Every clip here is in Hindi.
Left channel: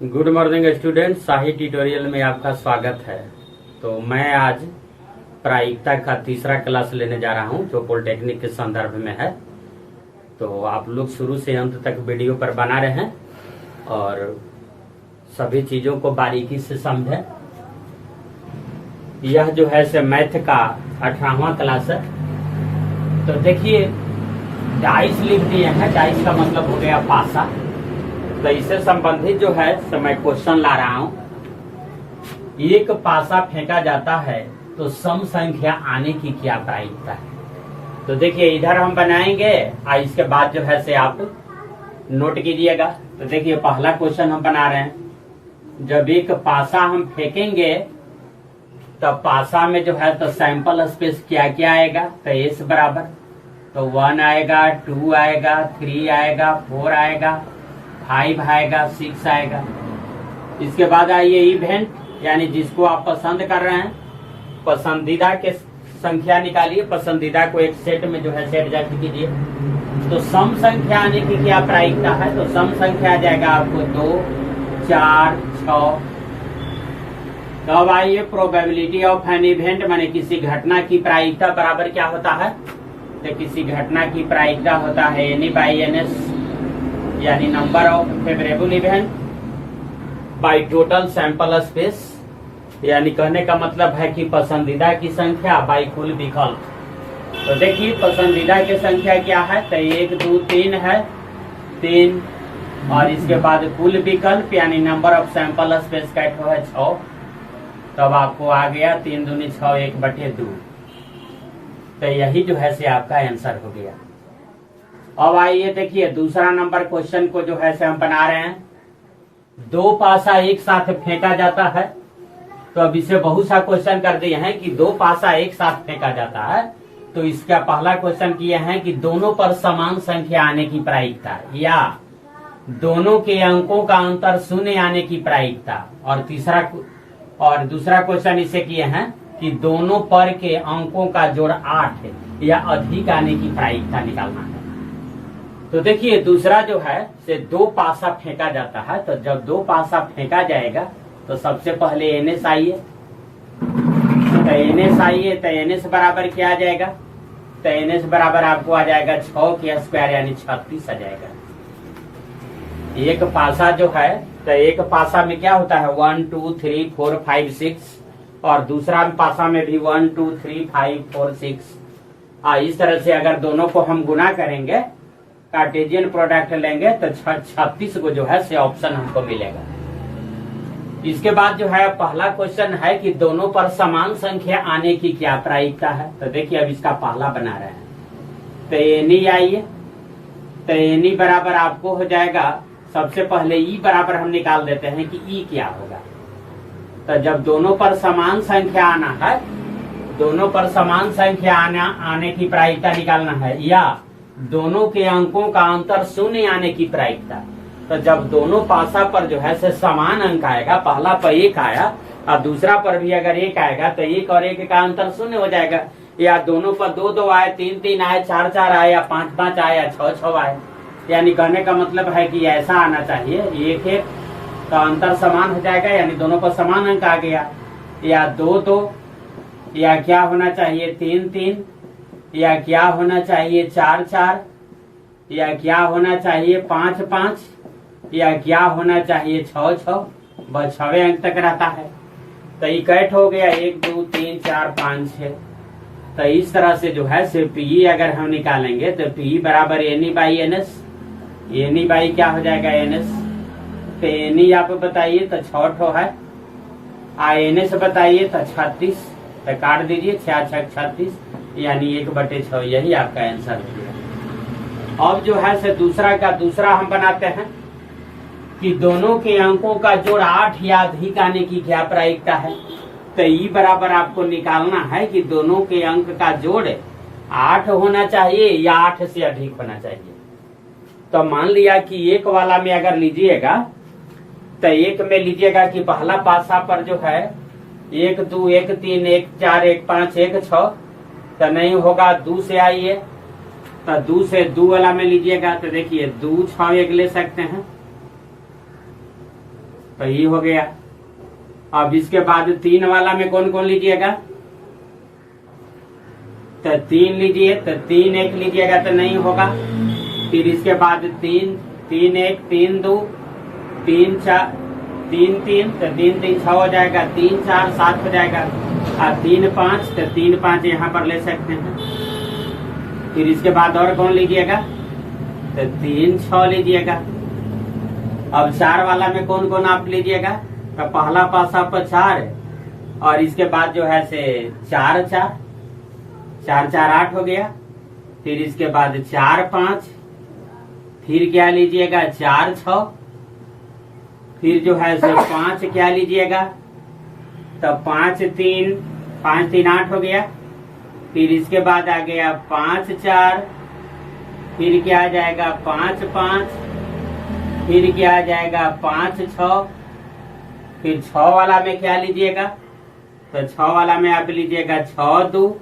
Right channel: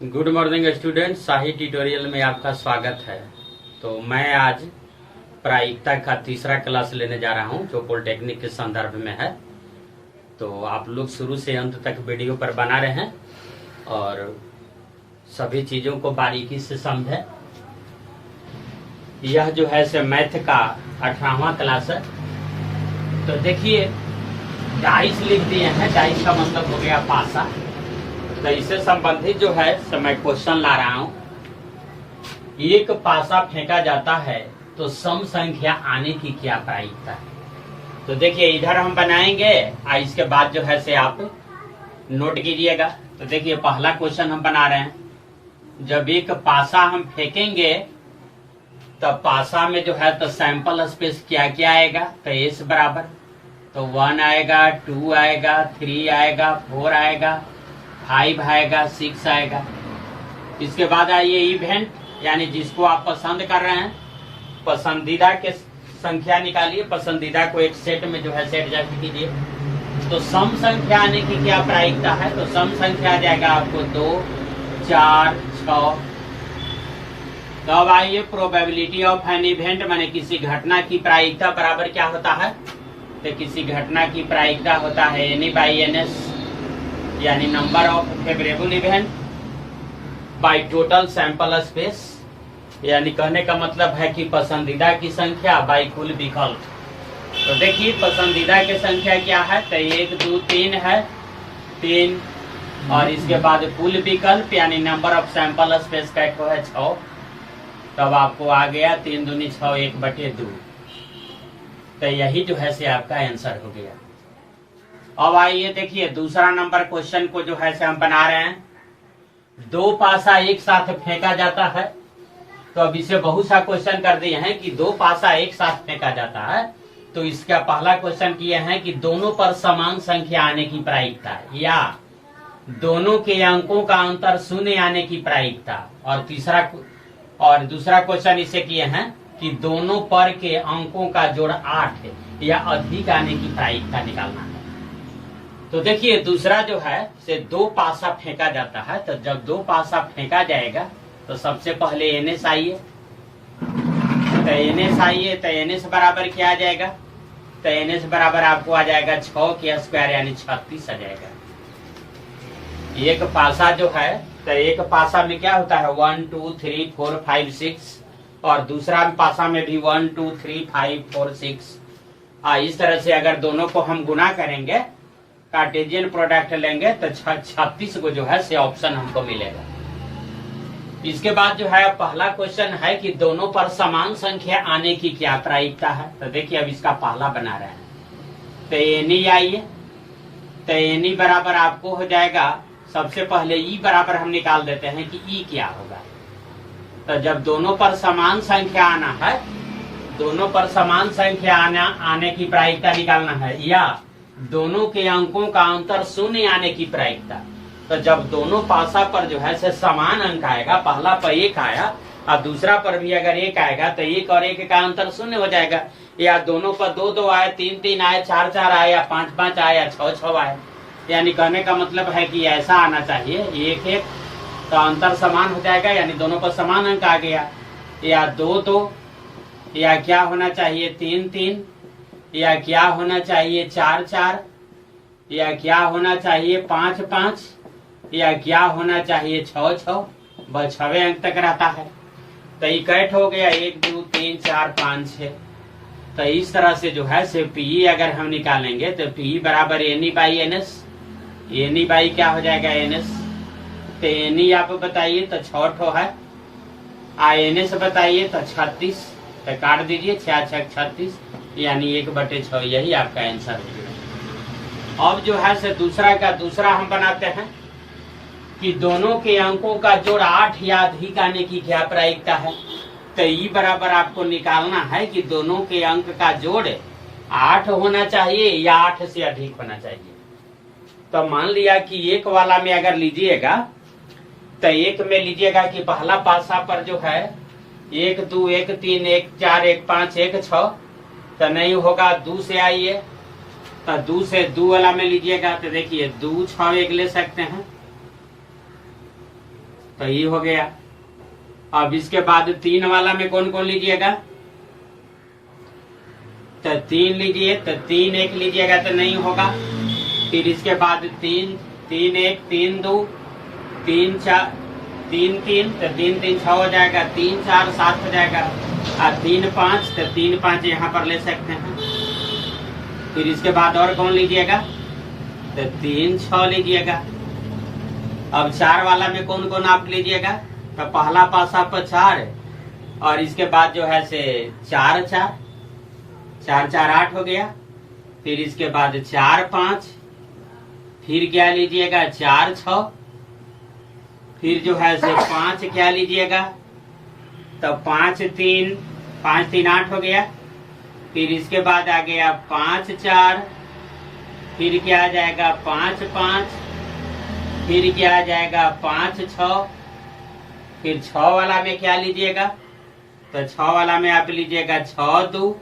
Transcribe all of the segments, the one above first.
गुड मॉर्निंग स्टूडेंट, शाही ट्यूटोरियल में आपका स्वागत है। तो मैं आज प्रायिकता का तीसरा क्लास लेने जा रहा हूं जो पॉलिटेक्निक के संदर्भ में है। तो आप लोग शुरू से अंत तक वीडियो पर बना रहे हैं और सभी चीजों को बारीकी से समझें। यह जो है से मैथ का 18वां क्लास है। तो देखिए डाइस लिख दिए हैं। डाइस का मतलब हो गया पासा। तो इससे संबंधित जो है तो मैं क्वेश्चन ला रहा हूं। एक पासा फेंका जाता है तो सम संख्या आने की क्या प्रायिकता है। तो देखिए इधर हम बनाएंगे और इसके बाद जो है से आप नोट कीजिएगा। तो देखिए पहला क्वेश्चन हम बना रहे हैं। जब एक पासा हम फेंकेंगे तब पासा में जो है तो सैंपल स्पेस क्या क्या आएगा। तो एस बराबर तो 1 आएगा, 2 आएगा, 3 आएगा, 4 आएगा, 5 आएगा, 6 आएगा। इसके बाद आइए इवेंट, यानी जिसको आप पसंद कर रहे हैं पसंदीदा के संख्या निकालिए। पसंदीदा को एक सेट में जो है से एडजस्ट कीजिए। तो सम संख्या आने की क्या प्रायिकता है। तो सम संख्या आ जाएगा आपको 2, 4, 6। तो अब आइए प्रोबेबिलिटी ऑफ एन इवेंट, माने किसी घटना की प्रायिकता बराबर क्या होता है। तो किसी घटना की प्रायिकता होता है एनी बाई एन एस, यानी number of favourable event by total sample space, यानी कहने का मतलब है कि पसंदीदा की संख्या बाय कुल विकल्प। तो देखिए पसंदीदा की संख्या क्या है। तो 1, 2, 3 है, 3 और इसके बाद कुल विकल्प यानी नंबर ऑफ सैंपल स्पेस का है 6। तब आपको आ गया 3 दूनी 6, 1/2। तो यही जो है से आपका आंसर हो गया। अब आइए देखिए दूसरा नंबर क्वेश्चन को जो है से हम बना रहे हैं। 2 पासा एक साथ फेंका जाता है। तो अब इसे बहुत सा क्वेश्चन कर दिए हैं कि 2 पासा एक साथ फेंका जाता है। तो इसका पहला क्वेश्चन किए हैं कि दोनों पर समान संख्या आने की प्रायिकता या दोनों के अंकों का अंतर 0 आने की प्रायिकता। और दूसरा क्वेश्चन इसे किए हैं कि दोनों पर के अंकों का जोड़ 8 या अधिक आने की प्रायिकता निकालना है। तो देखिए दूसरा जो है से 2 पासा फेंका जाता है। तो जब 2 पासा फेंका जाएगा तो सबसे पहले एनएस आइए। तो एनएस आइए तो एनएस बराबर क्या आ जाएगा। तो एनएस बराबर आपको आ जाएगा 6 के स्क्वायर यानी 36 आ जाएगा। एक पासा जो है तो एक पासा में क्या होता है 1, 2, 3, 4, 5, 6 और दूसरा पासा में भी 1, 2, 3, 5, 4, 6। इस तरह से अगर दोनों को हम गुना करेंगे कार्टेशियन प्रोडक्ट लेंगे तो 36 को जो है से ऑप्शन हमको मिलेगा। इसके बाद जो है पहला क्वेश्चन है कि दोनों पर समान संख्या आने की क्या प्रायिकता है। तो देखिए अब इसका पहला बना रहे हैं। तो एनी आइए। तो एनी बराबर आपको हो जाएगा सबसे पहले ई बराबर हम निकाल देते हैं कि ई क्या होगा। तो जब दोनों पर समान संख्या आना है, दोनों पर समान संख्या आने की प्रायिकता निकालना है या दोनों के अंकों का अंतर 0 आने की प्रायिकता। तो जब दोनों पासा पर जो है से समान अंक आएगा, पहला पर 1 आया और दूसरा पर भी अगर 1 आएगा तो 1 और 1 का अंतर 0 हो जाएगा। या दोनों पर 2, 2 आए, 3, 3 आए, 4, 4 आए या 5, 5 आए या 6, 6 आए। यानी कहने का मतलब है कि ऐसा आना चाहिए 1, 1 तो अंतर समान हो जाएगा, यानी दोनों पर समान अंक आ गया। या 2, 2 या क्या होना चाहिए 3, 3 या क्या होना चाहिए 4, 4 या क्या होना चाहिए 5, 5 या क्या होना चाहिए 6, 6। बस 6वें अंक तक रहता है। तो इकट्ठ हो गया 1, 2, 3, 4, 5, 6। तो इस तरह से जो है से पीई अगर हम निकालेंगे तो पीई बराबर any by NS. Any by क्या हो जाएगा एनएस। तो एनी आप बताइए तो 6 है। एनएस बताइए तो 36। तो काट दीजिए 6, 6, 36 यानी 1/6। यही आपका आंसर है। अब जो है से दूसरा हम बनाते हैं कि दोनों के अंकों का जोड़ 8 या अधिक आने की क्या प्रायिकता है। तो ई बराबर आपको निकालना है कि दोनों के अंक का जोड़ 8 होना चाहिए या 8 से अधिक होना चाहिए। तो मान लिया कि एक वाला में अगर लीजिएगा तो एक में लीजिएगा कि पहला पासा पर जो है 1, 2, 1, 3, 1, 4, 1, 5, 1, 6 तो नहीं होगा। 2 से आइए तो 2 से 2 वाला में लीजिएगा तो देखिए 2, 6 1 ले सकते हैं। तो ये हो गया। अब इसके बाद 3 वाला में कौन कौन लीजिएगा, तो 3 लीजिए, तो 3 1 लीजिएगा तो नहीं होगा। फिर इसके बाद 3 3 1 3 2 3 4 3 3, तो 3 3 6 हो जाएगा, 3 4 7 हो जाएगा, और 3 5, तो 3 5 यहाँ पर ले सकते हैं। फिर इसके बाद और कौन लीजिएगा, तो 3 6 लीजिएगा। अब 4 वाला में कौन कौन आप लीजिएगा, तो पहला पासा पर 4, और इसके बाद जो है से 4 4 4 4 8 हो गया। फिर इसके बाद 4 5, फिर क्या लीजिएगा 4 6, फिर जो है से 5 क्या लीजिएगा, तो 5 3 8 हो गया। फिर इसके बाद आ गया 5 4, फिर क्या आ जाएगा 5 5, फिर क्या आ जाएगा 5 6। फिर 6 वाला में क्या लीजिएगा, तो 6 वाला में आप लीजिएगा 6 2,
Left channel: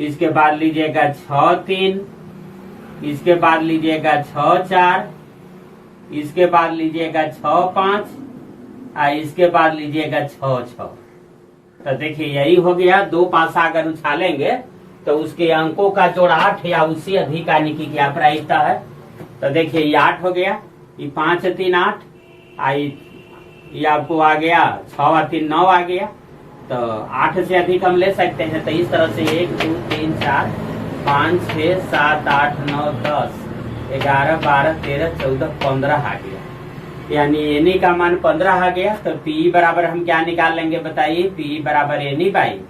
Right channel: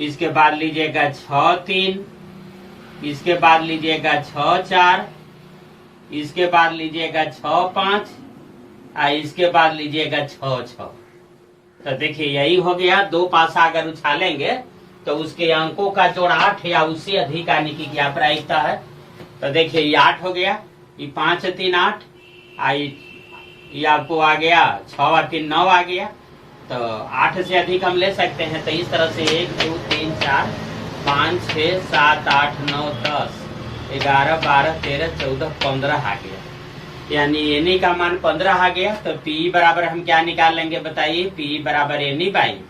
इसके बाद लीजिएगा 6 3, इसके बाद लीजिएगा 6 4, इसके बाद लीजिएगा 6 5, और इसके बाद लीजिएगा 6 6। तो देखिए यही हो गया। 2 पासा अगर उछालेंगे तो उसके अंकों का जोड़ 8 या उससे अधिक आने की क्या प्रायिकता है। तो देखिए ये 8 हो गया, ये 5 3 8, ये आपको आ गया 6 और 3 9 आ गया। तो 8 से अधिक हम ले सकते हैं। तो इस तरह से 1 2 3 4 5 6 7 8 9 10 11 12 13 14 15 आ गया, यानी एनी का मान 15 आ गया। तो पी बराबर हम क्या निकाल लेंगे बताइए, पी बराबर एनी बाई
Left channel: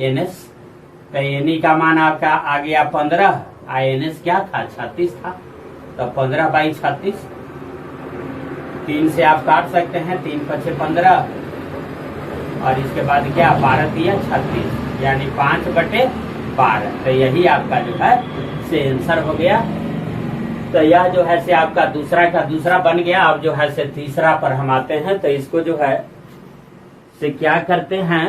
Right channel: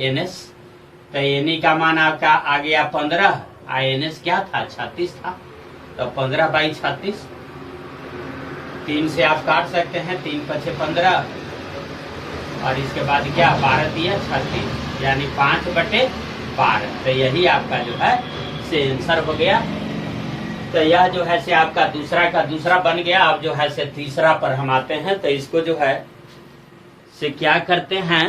एनएस। तो एनी का मान आपका आ गया 15, और एनएस क्या था 36 था। तो 15 बाई 36, 3 से आप काट सकते हैं, 3 5 15, और इसके बाद क्या 12 दिया 36, यानी 5/12। तो यही आपका जो है से आंसर हो गया। तो यह जो है से आपका दूसरा का दूसरा बन गया। अब जो है से तीसरा पर हम आते हैं। तो इसको जो है से क्या करते हैं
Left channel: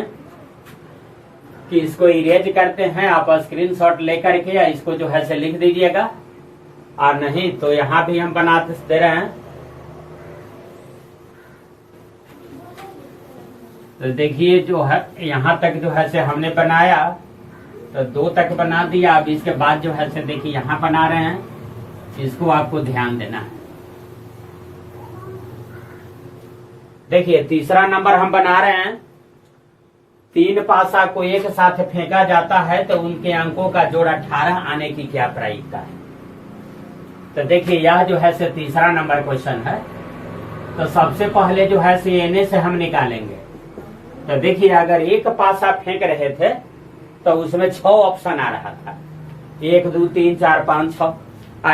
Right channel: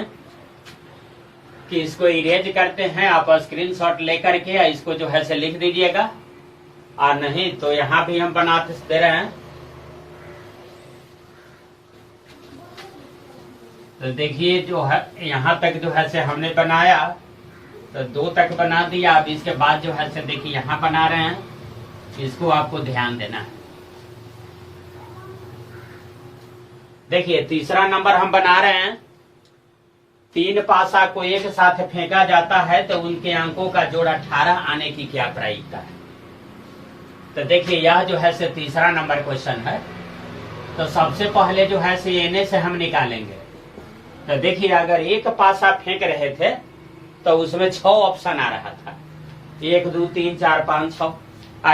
कि इसको इरेज करते हैं। आप स्क्रीनशॉट लेकर के इसको जो है से लिख दीजिएगा, और नहीं तो यहाँ भी हम बना दे रहे हैं। तो देखिए जो है यहाँ तक जो है से हमने बनाया, तो 2 तक बना दिया। अब इसके बाद जो है से देखिए यहाँ बना रहे हैं, इसको आपको ध्यान देना है। देखिए तीसरा नंबर हम बना रहे हैं। 3 पासा को एक साथ फेंका जाता है तो उनके अंकों का जोड़ 18 आने की क्या प्रायिकता है। तो देखिए यह जो है से तीसरा नंबर क्वेश्चन है। तो सबसे पहले जो है से एनए से हम निकालेंगे। तो देखिए अगर एक पासा फेंक रहे थे तो उसमें 6 ऑप्शन आ रहा था, 1 2 3 4 5 6।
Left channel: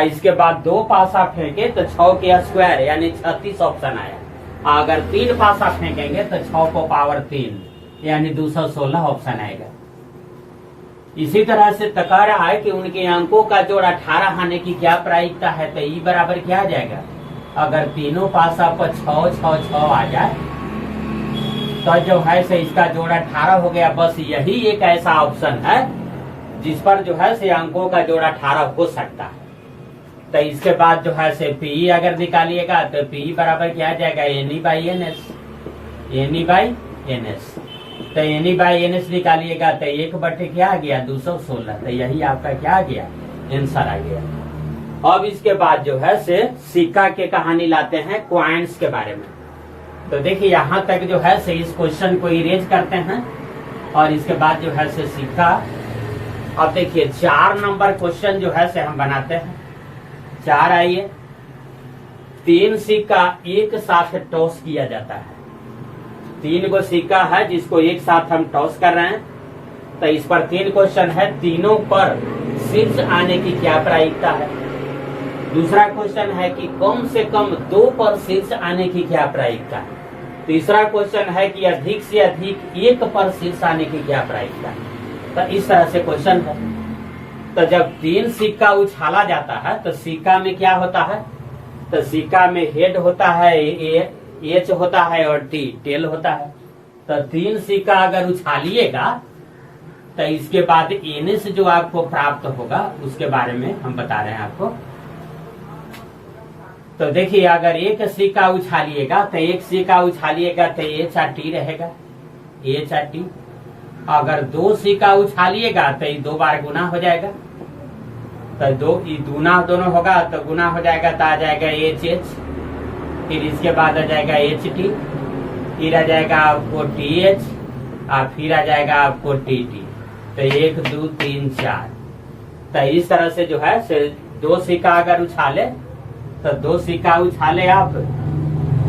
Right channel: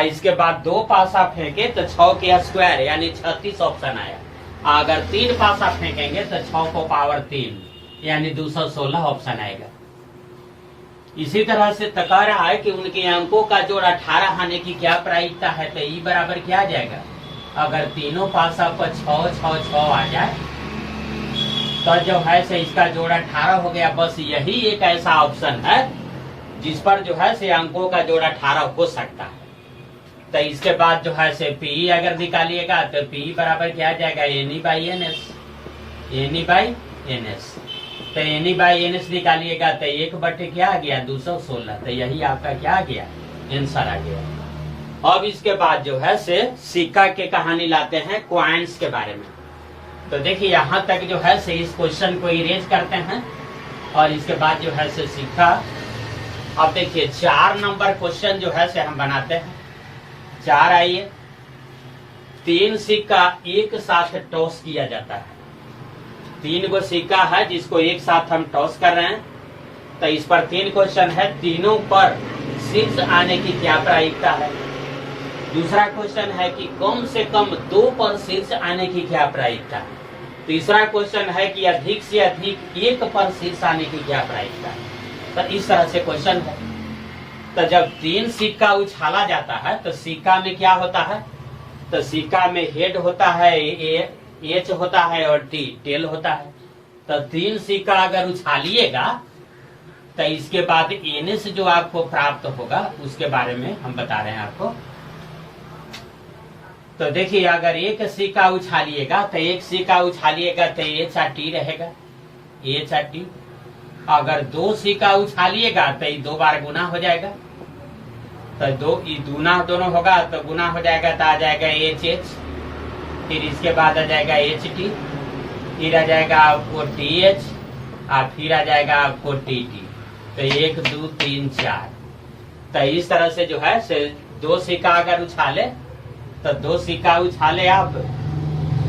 इसके बाद 2 पासा फेंके तो 6 के स्क्वायर यानी 36 ऑप्शन आया। अगर 3 पासा फेंकेंगे तो 6 को पावर 3 यानी 216 ऑप्शन आएगा। इसी तरह से कह रहा है कि उनके अंकों का जोड़ 18 आने की क्या प्रायिकता है। तो ई बराबर क्या आ जाएगा, अगर तीनों पासा पर 6 6 6 आ जाए तो जो है से इसका जोड़ 18 हो गया। बस यही एक ऐसा ऑप्शन है जिस पर जो है से अंकों का जोड़ 18 हो सकता है। तो इसके बाद जो है से पी अगर निकालिएगा तो पी बराबर क्या आ जाएगा, NE by N S, NE by N S. तो एनी बाई एन एस निकालिएगा तो 1 क्या आ गया 216। तो यही आपका क्या आ गया, आंसर आ गया। अब इसके बाद जो है से सिक्का के कहानी लाते हैं, क्वाइंस के बारे में। तो देखिए यहाँ तक जो है से इस क्वेश्चन को इरेज करते हैं और इसके बाद जो है से सिक्का। अब देखिए 4 नंबर क्वेश्चन जो है से हम बनाते हैं। 4 आइए, 3 सिक्का एक साथ टॉस किया जाता है। 3 गो सिक्का है जिसको एक साथ हम टॉस कर रहे हैं। तो इस पर 3 क्वेश्चन है, तीनों पर शीर्ष आने की क्या प्रायिकता है। दूसरा क्वेश्चन है कि कम से कम 2 पर शीर्ष आने की क्या प्रायिकता है। तीसरा क्वेश्चन है कि अधिक से अधिक 1 पर शीर्ष आने की क्या प्रायिकता है। तो इस तरह से क्वेश्चन है। तो जब 3 सिक्का उछाला जाता है तो सिक्का में क्या होता है, तो सिक्का में हेड होता है, एच होता है और टी टेल होता है। तो 3 सिक्का अगर उछालिएगा तो इसके बाद एनएस जो आपको प्राप्त होगा उसके बारे में हम बता रहे हैं आपको। तो देखिए अगर एक सिक्का उछालिएगा तो एक सिक्का उछालिएगा तो HT रहेगा, HT। अगर 2 सिक्का उछालिएगा तो ये 2 बार गुना हो जाएगा, तो 2 दूना दोनों होगा तो गुना हो जाएगा, तो आ जाएगा HH। फिर इसके बाद आ जाएगा HT, फिर आ जाएगा आपको TH, और फिर आ जाएगा आपको TT। तो 1 2 3 4। तो इस तरह से जो है से 2 सिक्का अगर उछाले तो 2 सिक्का उछाले आप,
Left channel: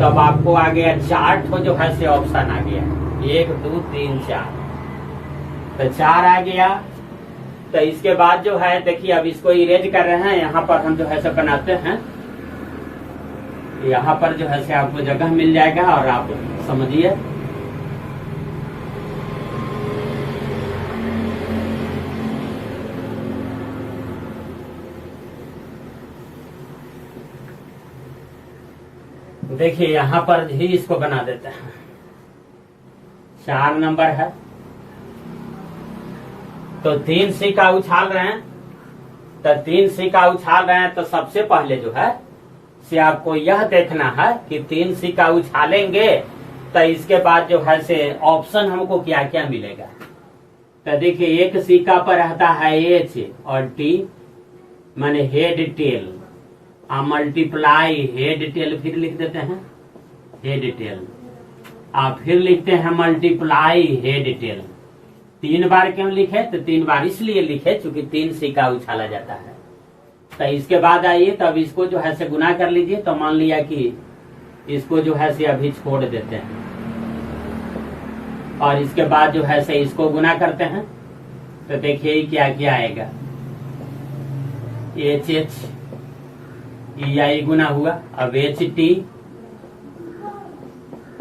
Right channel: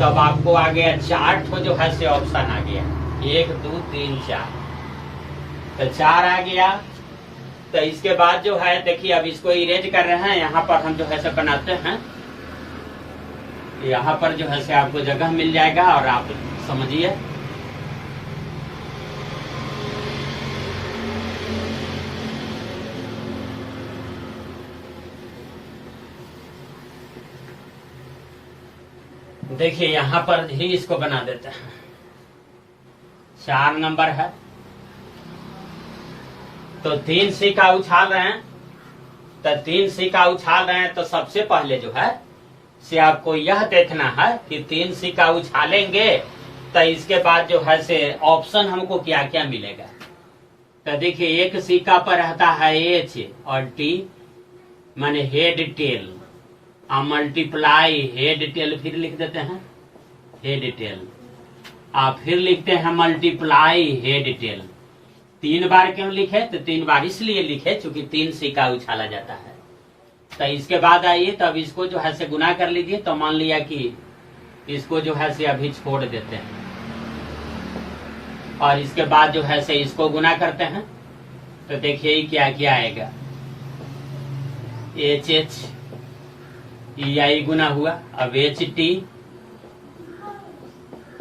तब आपको आ गया 4 ठो जो है से ऑप्शन आ गया, 1 2 3 4। तो 4 आ गया। तो इसके बाद जो है देखिए अब इसको इरेज कर रहे हैं, यहाँ पर हम जो है से बनाते हैं, यहाँ पर जो है से आपको जगह मिल जाएगा और आप समझिए। देखिए यहाँ पर ही इसको बना देते हैं। 4 नंबर है तो 3 सिक्का उछाल रहे हैं, तो 3 सिक्का उछाल रहे हैं तो सबसे पहले जो है से आपको यह देखना है कि 3 सिक्का उछालेंगे तो इसके बाद जो है से ऑप्शन हमको क्या क्या मिलेगा। तो देखिए एक सिक्का पर रहता है H और T माने head tail, multiply head tail, फिर लिख देते हैं हेड टेल, आप फिर लिखते हैं मल्टीप्लाई हेड टेल। 3 बार क्यों लिखे, तो 3 बार इसलिए लिखे चूंकि 3 सिक्का उछाला जाता है। तो इसके बाद आइए तब इसको जो है से गुना कर लीजिए। तो मान लिया कि इसको जो है से अभी छोड़ देते हैं और इसके बाद जो है से इसको गुना करते हैं। तो देखिए क्या क्या आएगा, HH EI गुना हुआ, अब HT,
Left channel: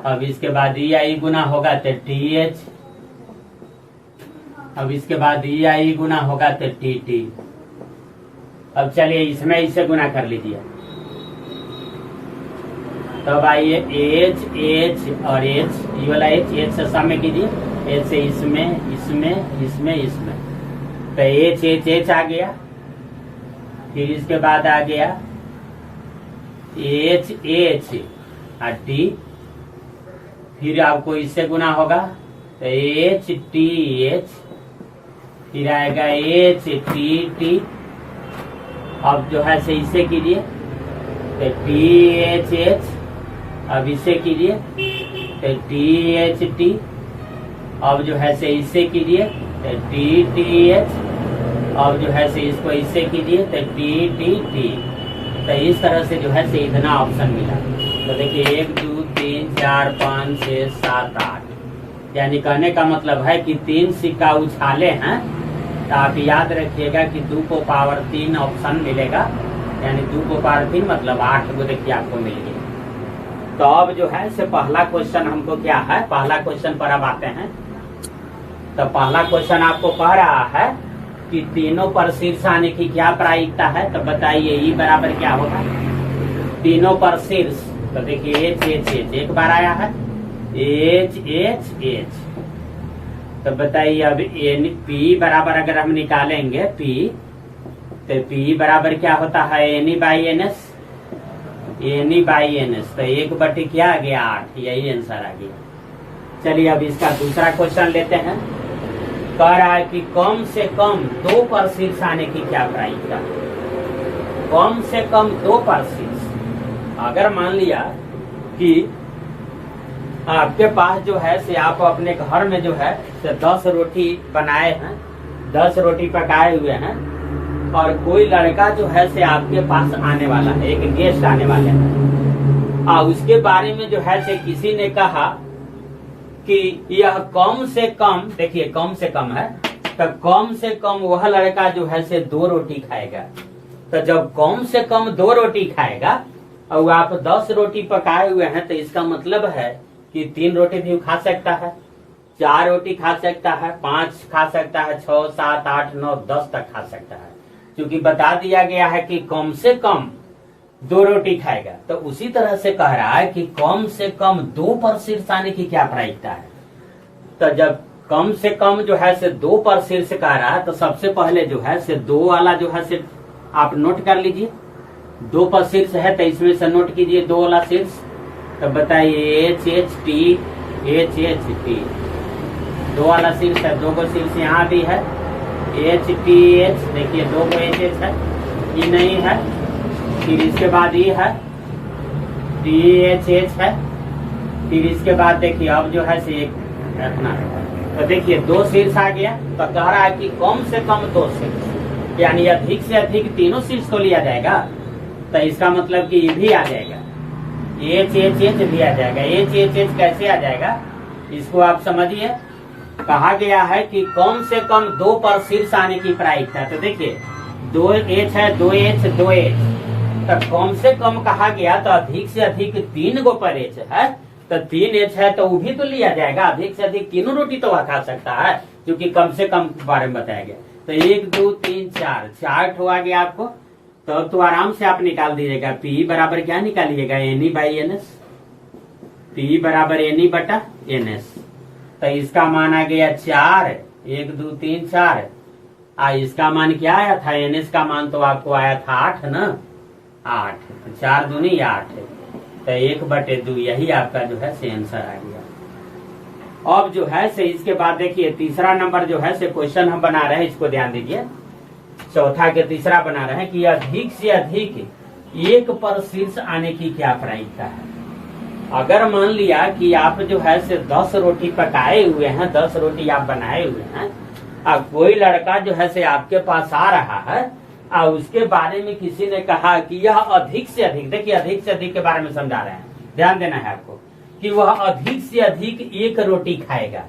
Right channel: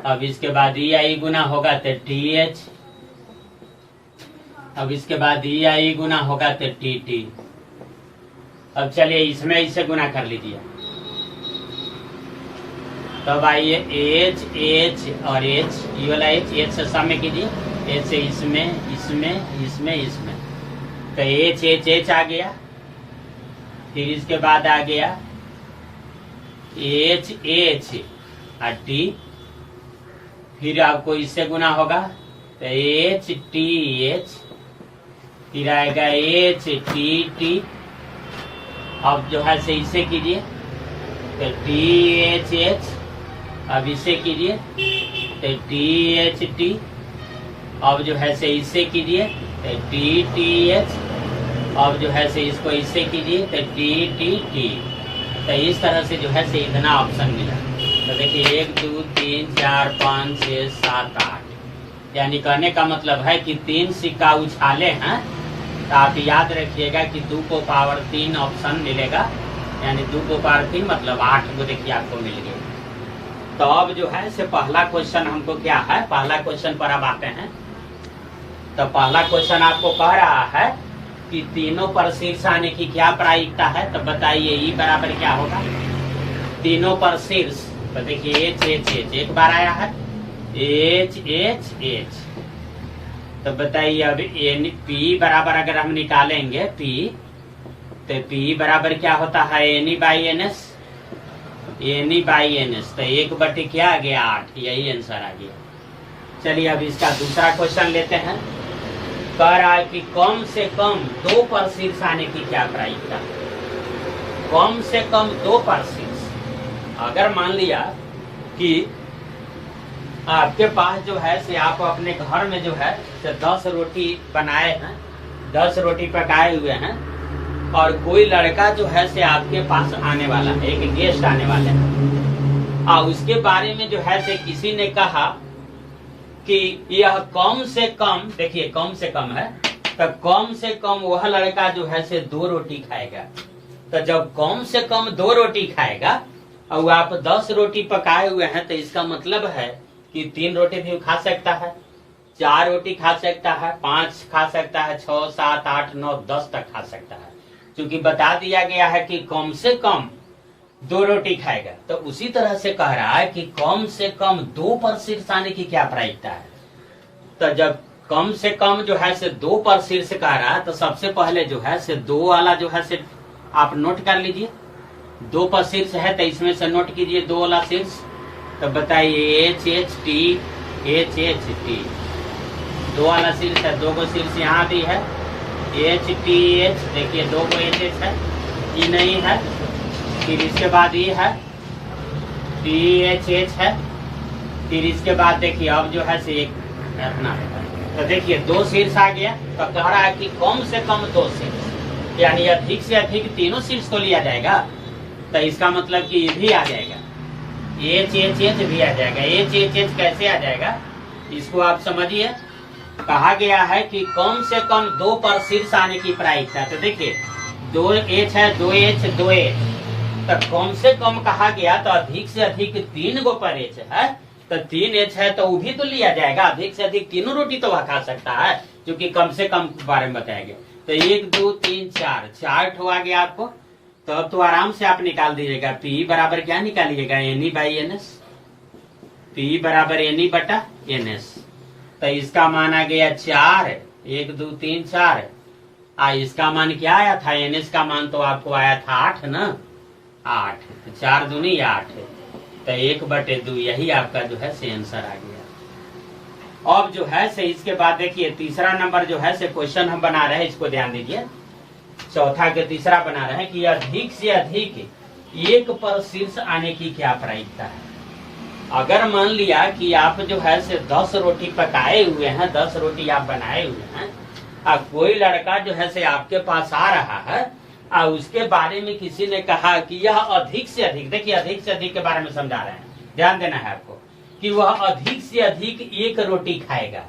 अब इसके बाद EI गुना होगा तो TH, अब इसके बाद EI गुना होगा तो TT। अब चलिए इसमें इसे गुना कर लीजिए। तब आइए H H और H, ये वाला H से सामने कीजिए, H से इसमें इसमें इसमें इसमें, तो H H H आ गया। फिर इसके बाद आ गया H H और T, फिर आपको इससे गुना होगा तो H T H, फिर आएगा H T T। अब जो है से इसे कीजिए तो T H H, अब इसे कीजिए तो T H T, अब जो है से इसे कीजिए तो T T H, अब जो है से इसको इससे कीजिए तो T T T। तो इस तरह से जो है से इतना ऑप्शन मिला। तो देखिए 1 2 3 4 5 6 7 8, यानी कहने का मतलब है कि 3 सिक्का उछाले हैं तो आप याद रखिएगा कि 2 को पावर 3 ऑप्शन मिलेगा, यानी 2 को पावर 3 मतलब 8 को देखिए आपको मिल गया। तो अब जो है से पहला क्वेश्चन हमको क्या है, पहला क्वेश्चन पर अब आते हैं। तो पहला क्वेश्चन आपको कह रहा है कि तीनों पर शीर्ष आने की क्या प्रायिकता है। तो बताइए ई बराबर क्या होगा, तीनों पर शीर्ष। तो देखिए H H H एक बार आया है, H H H। तो बताइए अब P बराबर अगर हम निकालेंगे P, तो P बराबर क्या होता है NE by NS, NE by NS। तो 1/, क्या आ गया 8, यही आंसर आ गया। चलिए अब इसका दूसरा क्वेश्चन लेते हैं। कह रहा है कि कम से कम 2 पर शीर्ष आने की क्या प्रायिकता है। कम से कम 2 पर शीर्ष, अगर मान लिया कि आपके पास जो है से आप अपने घर में जो है से 10 रोटी बनाए हैं, 10 रोटी पकाए हुए हैं, और कोई लड़का जो है से आपके पास आने वाला है, एक गेस्ट आने वाले हैं, और उसके बारे में जो है से किसी ने कहा कि यह कम से कम, देखिए कम से कम है, तो कम से कम वह लड़का जो है से 2 रोटी खाएगा। तो जब कम से कम 2 रोटी खाएगा और आप 10 रोटी पकाए हुए हैं, तो इसका मतलब है कि 3 रोटी भी खा सकता है, 4 रोटी खा सकता है, 5 खा सकता है, 6 7 8 9 10 तक खा सकता है, क्योंकि बता दिया गया है कि कम से कम 2 रोटी खाएगा। तो उसी तरह से कह रहा है कि कम से कम 2 पर शीर्ष आने की क्या प्रायिकता है। तो जब कम से कम जो है से 2 पर शीर्ष कह रहा है, तो सबसे पहले जो है से 2 वाला जो है से आप नोट कर लीजिए। दो पर शीर्ष है तो इसमें से नोट कीजिए दो वाला शीर्ष। तो बताइए एच एच टी, दो वाला शीर्ष है, दो को शीर्ष यहाँ भी है एच टी एच, देखिए दो को एच एच है, ई नहीं है, फिर इसके बाद ई है, टी एच एच है, फिर इसके बाद देखिए अब जो है से एक अपना, तो देखिए दो शीर्ष आ गया। तो कह रहा है कि कम से कम दो शीर्ष, यानी अधिक से अधिक तीनों शीर्ष को लिया जाएगा। तो इसका मतलब कि ये भी आ जाएगा, एच एच एच भी आ जाएगा। एच एच एच कैसे आ जाएगा इसको आप समझिए। कहा गया है कि कम से कम दो पर शीर्ष आने की प्रायिकता। तो देखिए दो एच है, दो एच, दो एच, तो कम से कम कहा गया तो अधिक से अधिक तीन गो पर एच है, तो तीन एच है तो वो भी तो लिया जाएगा। अधिक से अधिक तीनों रोटी तो वह खा सकता है, क्योंकि कम से कम के बारे में बताया गया। तो एक दो तीन चार, चार ठो आ गया आपको। तो अब तो आराम से आप निकाल दीजिएगा। पी बराबर क्या निकालिएगा, N by N S. P बराबर एन बटा एन एस। तो इसका मान आ गया 4, 1 2 3 4। इसका मान क्या आया था, एन एस का मान तो आपको आया था 8 ना, 8, 4 दूनी 8, तो 1/2, यही आपका जो है से आंसर आ गया। अब जो है से इसके बाद देखिए तीसरा नंबर जो है से क्वेश्चन हम बना रहे हैं, इसको ध्यान दीजिए। चौथा के तीसरा बना रहे हैं कि अधिक से अधिक एक पर शीर्ष आने की क्या प्रायिकता है। अगर मान लिया कि आप जो है से 10 रोटी पकाए हुए हैं, 10 रोटी आप बनाए हुए हैं, अब कोई लड़का जो है से आपके पास आ रहा है और उसके बारे में किसी ने कहा कि यह अधिक से अधिक, देखिए अधिक से अधिक के बारे में समझा रहे हैं, ध्यान देना है आपको, कि वह अधिक से अधिक एक रोटी खाएगा।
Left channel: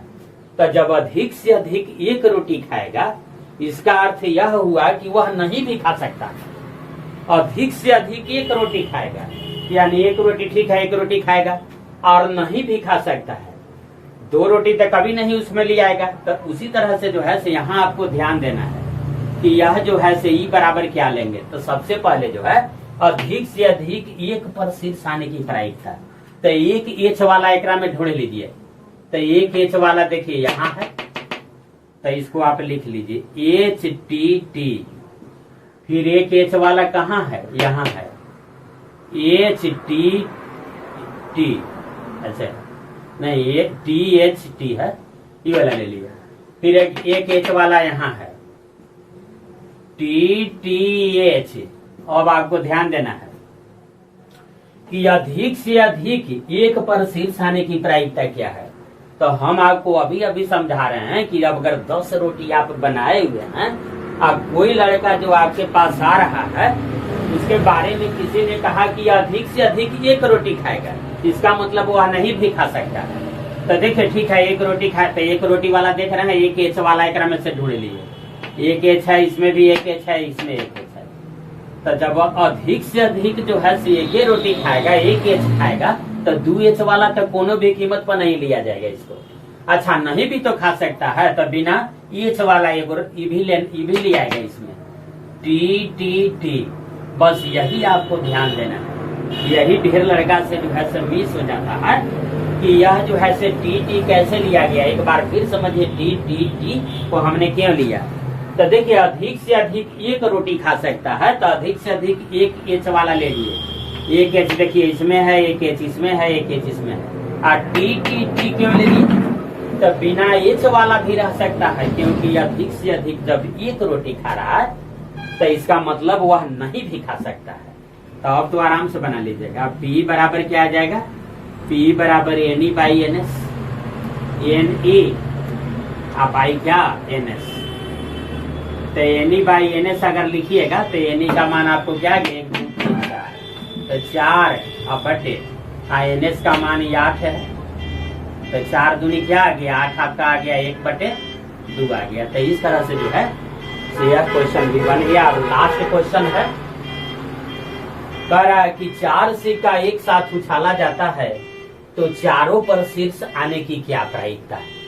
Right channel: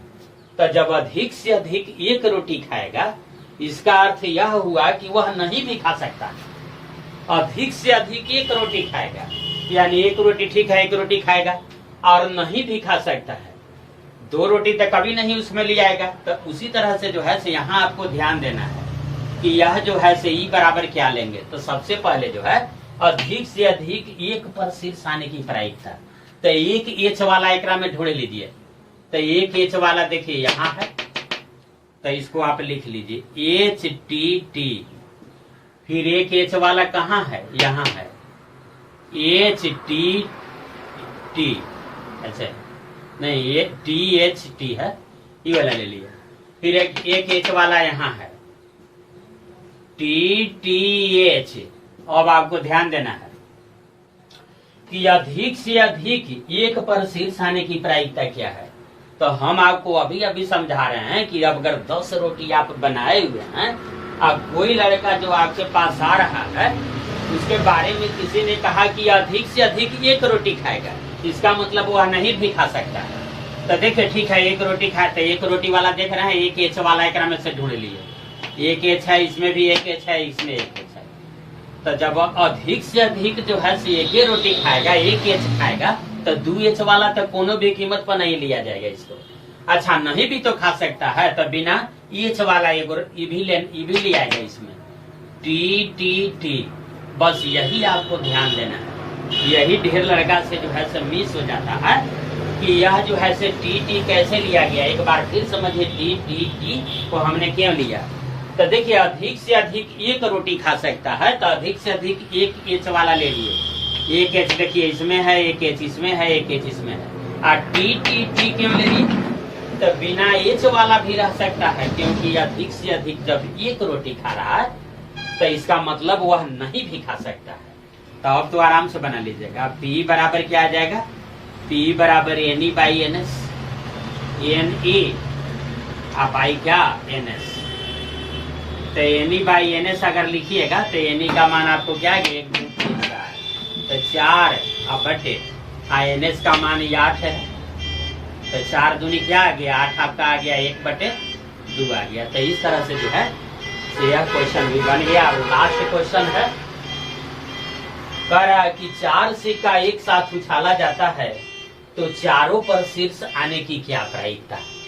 तो जब अधिक से अधिक एक रोटी खाएगा, इसका अर्थ यह हुआ कि वह नहीं भी खा सकता। अधिक से अधिक एक रोटी खाएगा, यानी एक रोटी ठीक है, एक रोटी खाएगा और नहीं भी खा सकता है, 2 रोटी तो कभी नहीं उसमें ले आएगा। तो उसी तरह से जो है से यहाँ आपको ध्यान देना है कि यह जो है से ई बराबर क्या लेंगे। तो सबसे पहले जो है अधिक से अधिक एक पर शीर्ष आने की प्रायिकता। तो एक एच वाला एकरा में ढूंढ लीजिए। तो एक एच वाला देखिए यहाँ है, तो इसको आप लिख लीजिए एच टी टी। फिर एक एच वाला कहाँ है, यहाँ है एच टी टी, अच्छा नहीं ये टी एच टी है, ये वाला ले लिया। फिर एक एच वाला यहाँ है टी टी एच। अब आपको ध्यान देना है कि अधिक से अधिक एक पर शीर्ष आने की प्रायिकता क्या है। तो हम आपको अभी अभी समझा रहे हैं कि अब अगर 10 रोटी आप बनाए हुए हैं, अब कोई लड़का जो आपके पास आ रहा है, उसके बारे में किसी ने कहा कि अधिक से अधिक एक रोटी खाएगा, इसका मतलब वह नहीं भी खा सकता। तो देखिए ठीक है, एक रोटी खाए, तो एक रोटी वाला देख रहे हैं, एक एच वाला एक में से ढूंढ लिए, एक एच है, इसमें भी एक एच है, इसमें एक एच है। तो जब अधिक से अधिक जो है एक रोटी खाएगा, एक एच खाएगा, तो 2 एच वाला तो कोनो भी कीमत पर नहीं लिया जाएगा इसको। अच्छा नहीं भी तो खा सकता है, तो बिना एच वाला एक भी ले आएगा इसमें, टी टी टी। बस यही आपको ध्यान देना है। यही ढेर लड़का से जो है सब मिस हो जाता है कि यह जो है से टी टी कैसे लिया गया। एक बार फिर समझिए, टी टी टी को हमने क्यों लिया। तो देखिए अधिक से अधिक एक रोटी खा सकता है, तो अधिक से अधिक एक एच वाला ले लिए। एक एच देखिए इसमें है, एक एच इसमें है, एक एच इसमें है। और टी टी टी क्यों ले ली, तो बिना एच वाला भी रह सकता है, क्योंकि अधिक से अधिक जब एक रोटी खा रहा है तो इसका मतलब वह नहीं भी खा सकता है। तो अब तो आराम से बना लीजिएगा। P बराबर क्या आ जाएगा, P बराबर N E by N S, N E आप आई क्या एन एस। तो N E by N S अगर लिखिएगा तो एन ई का मान आपको क्या है, 1 2 3 4, तो 4 अब बटे एन एस का मान 8 है, तो 4 दूनी क्या आ गया, 8 आपका आ गया, 1/2 आ गया। तो इस तरह से जो है यह क्वेश्चन भी बन गया। अब लास्ट क्वेश्चन है, कह रहा है कि 4 सिक्का एक साथ उछाला जाता है तो चारों पर शीर्ष आने की क्या प्रायिकता है।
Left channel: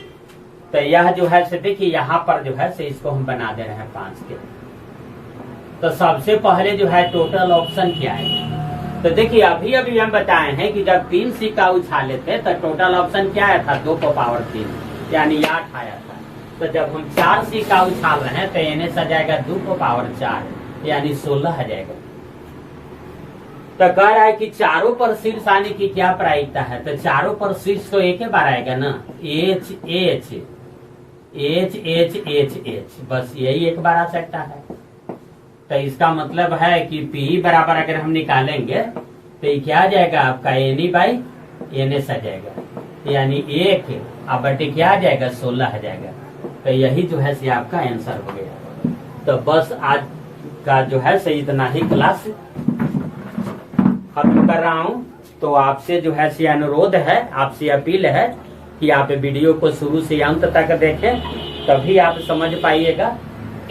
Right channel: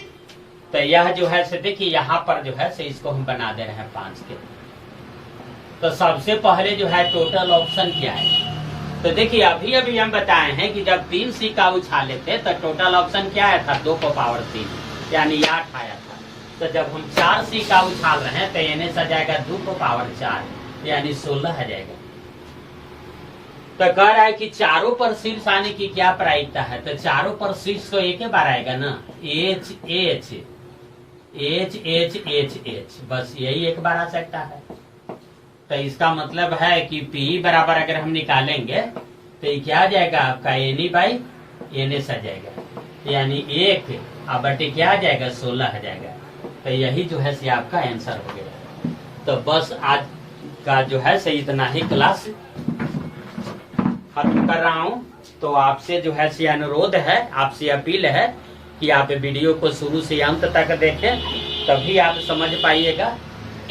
तो यह जो है से देखिए यहाँ पर जो है से इसको हम बना दे रहे हैं 5 के। तो सबसे पहले जो है टोटल ऑप्शन क्या है। तो देखिए अभी अभी हम बताए हैं कि जब 3 सिक्का उछाले थे तो टोटल ऑप्शन क्या आया था, 2 को पावर 3 यानी 8 आया था। तो जब हम 4 सिक्का उछाल रहे हैं तो एन एस आ जाएगा 2 को पावर 4 यानी 16 आ जाएगा। तो कह रहा है कि चारों पर शीर्ष आने की क्या प्रायिकता है, तो चारों पर शीर्ष तो एक ही बार आएगा ना, H H H H H H, बस यही एक बार आ सकता है। तो इसका मतलब है कि पी बराबर अगर हम निकालेंगे तो ये क्या आ जाएगा आपका एन बाई एन एस आ जाएगा, यानी 1 अब बटे क्या आ जाएगा 16 आ जाएगा। तो यही जो है से आपका आंसर हो गया। तो बस आज का जो है से इतना ही क्लास खत्म कर रहा हूँ। तो आपसे जो है से अनुरोध है, आपसे अपील है कि आप वीडियो को शुरू से अंत तक देखें, तभी आप समझ पाइएगा।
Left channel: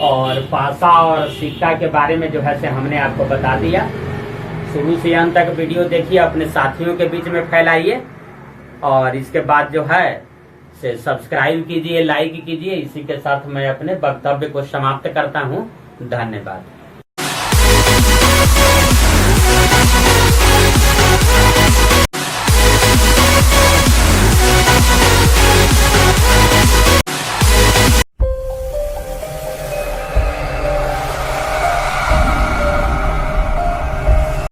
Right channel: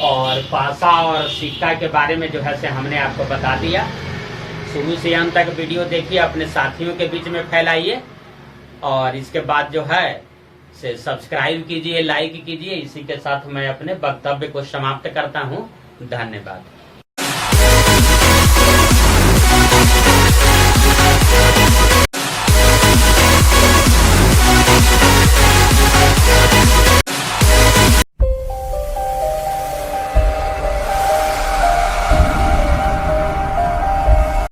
और पासा और सिक्का के बारे में जो है से हमने आपको बता दिया। शुरू से अंत तक वीडियो देखिए, अपने साथियों के बीच में फैलाइए, और इसके बाद जो है से सब्सक्राइब कीजिए, लाइक कीजिए। इसी के साथ मैं अपने वक्तव्य को समाप्त करता हूँ। धन्यवाद।